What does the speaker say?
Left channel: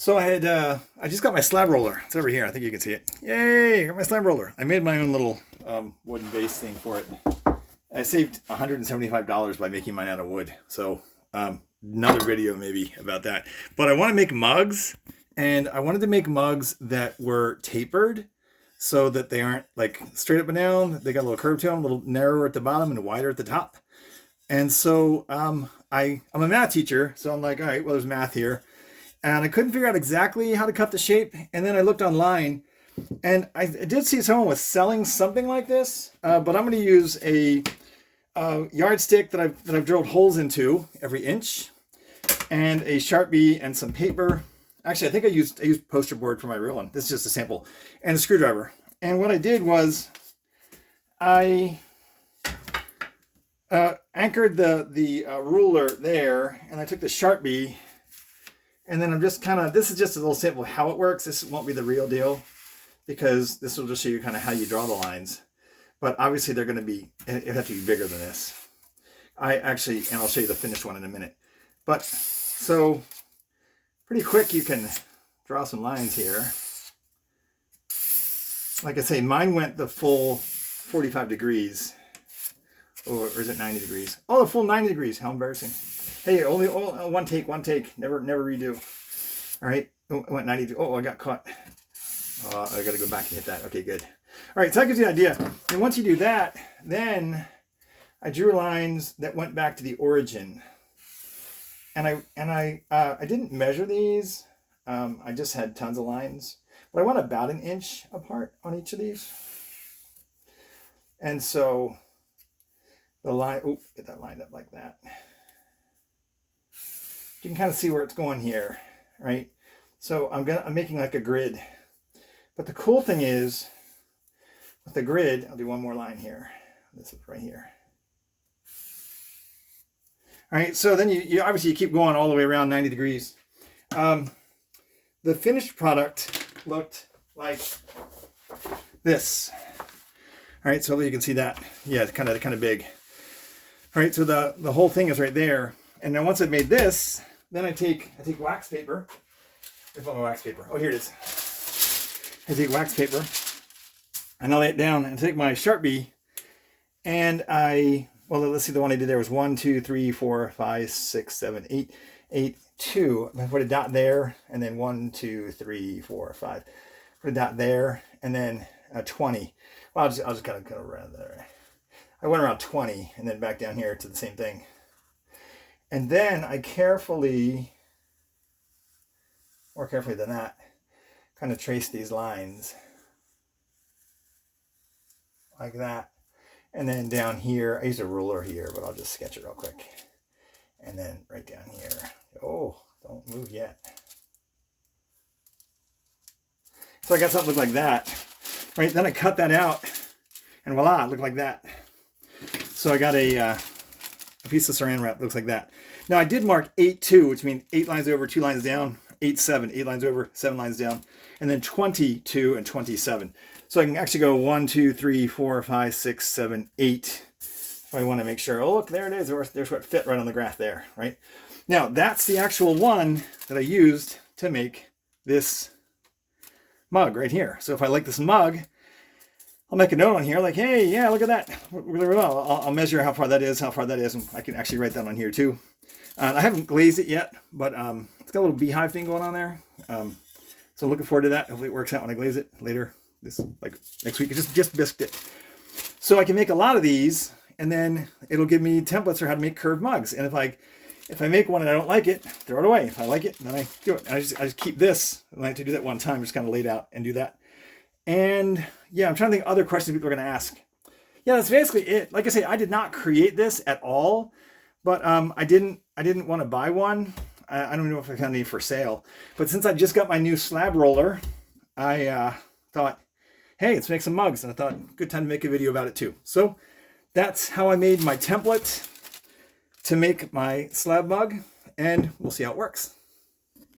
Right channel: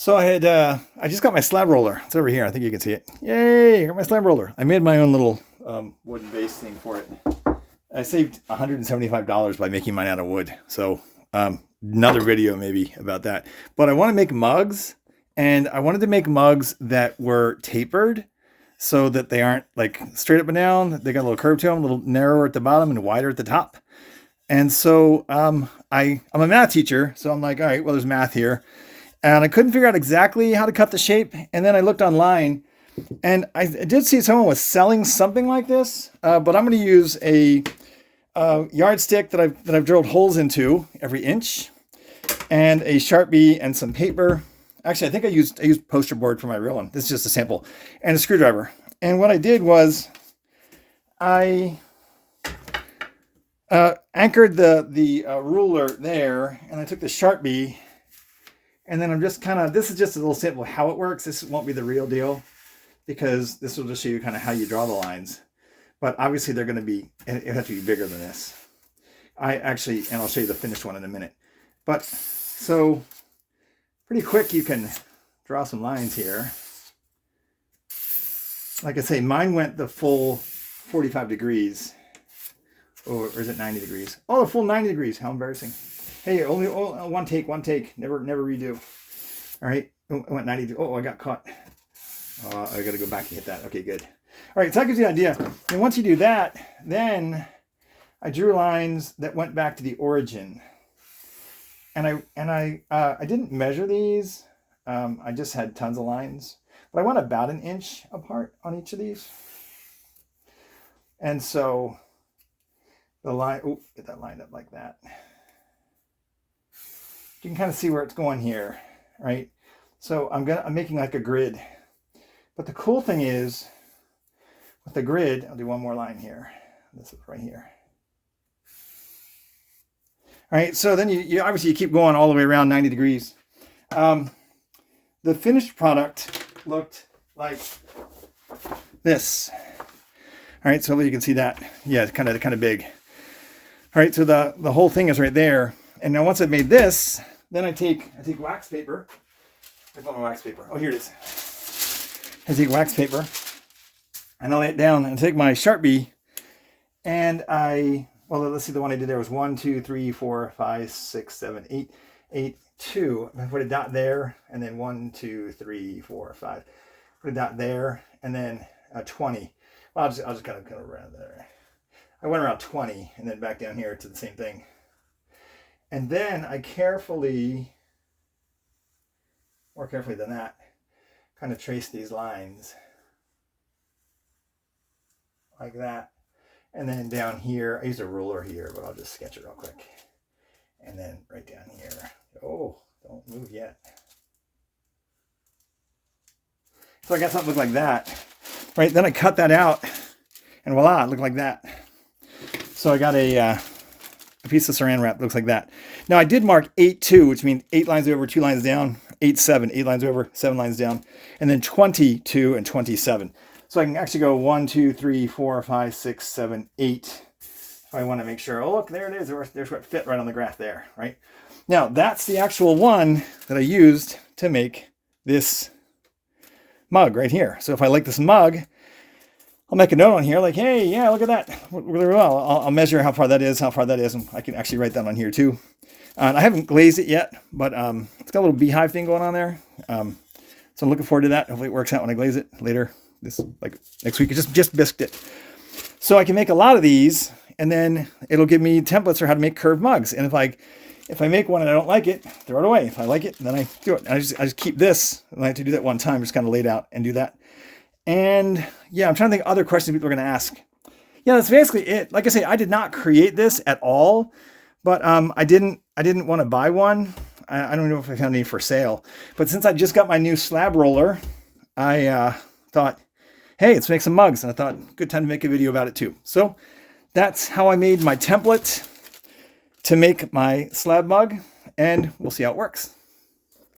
So I just got my slab roller. It's over here. I think you can see it. Yay! I got my slab roller. I made my own little wooden base thing for it. I saved $175 by making mine out of wood. So another video maybe about that. But I want to make mugs, and I wanted to make mugs that were tapered so that they aren't like straight up and down. They got a little curve to them, a little narrower at the bottom and wider at the top. And so I'm a math teacher, so I'm like, all right, well, there's math here. And I couldn't figure out exactly how to cut the shape. And then I looked online, and I did see someone was selling something like this, but I'm going to use a yardstick that I've drilled holes into every inch, and a Sharpie and some paper. Actually, I think I used poster board for my real one. This is just a sample, and a screwdriver. And what I did was I anchored the ruler there, and I took the Sharpie. And then I'm just this is just a little sample of how it works. This won't be the real deal because this will just show you kind of how you draw the lines. But obviously they're going to be, it have to be bigger than this. And I'll show you the finished one in a minute. But so pretty quick you can draw some lines here. Like I say, mine went the full 45 degrees. Or is it 90 degrees? Oh, the full 90 degrees. How embarrassing. Hey, only one take. Never redo. All right. Oh, I went 90. Oh, I got caught. I got to go back and hit that. Okay, good. All right, so that gives you an idea. And once you do that, then I drew lines that went back to the origin. And I didn't measure these. I just had tons of lines, but I went about an inch apart on each of these. And so the line, get that lined up like that. You can kind of see where it's going here, right? So I'm making like a grid. But the cool thing is, with the grid, I'll do one more line here. This is right here. All right, so then you obviously you keep going all the way around 90 degrees. The finished product looked like this. All right, so you can see that. Yeah, it's kind of big. All right, so the whole thing is right there. And now once I've made this, then I take wax paper. Where's my wax paper? Oh, here it is. I take wax paper, and I lay it down, and take my Sharpie, and let's see, the one I did there was 1, 2, 3, 4, 5, 6, 7, 8, 2. I put a dot there, and then 1, 2, 3, 4, 5. Put a dot there, and then 20. Well, I'll just kind of around there. I went around 20, and then back down here to the same thing. And then I more carefully than that, kind of trace these lines like that. And then down here, I use a ruler here, but I'll just sketch it real quick. And then right down here. Oh, don't move yet. So I got something look like that. Right, then I cut that out, and voila, it looked like that. So I got a piece of saran wrap, looks like that. Now I did mark 8-2, which means 8 lines over, 2 lines down, 8-7, 8 lines over, 7 lines down, and then 22 and 27. So I can actually go 1, 2, 3, 4, 5, 6, 7, 8. If I want to make sure, oh look, there it is. There's what fit right on the graph there, right? Now that's the actual one that I used to make this mug right here. So if I like this mug, I'll make a note on here like, hey, yeah, look at that. Really well. I'll measure how far that is, and I can actually write that on here too. I haven't glazed it yet, but it's got a little beehive thing going on there. So I'm looking forward to that. Hopefully it works out when I glaze it later. Like next week. I just bisked it. So I can make a lot of these, and then it'll give me templates for how to make curved mugs. And if I make one and I don't like it, throw it away. If I like it, then I do it. I just keep this. And I have to do that one time, just kind of lay it out and do that. And yeah, I'm trying to think of other questions people are going to ask. Yeah, that's basically it. Like I say, I did not create this at all, but I didn't want to buy one. I don't know if I found any for sale. But since I just got my new slab roller, I thought, hey, let's make some mugs. And I thought, good time to make a video about it too. So that's how I made my template to make my slab mug, and we'll see how it works.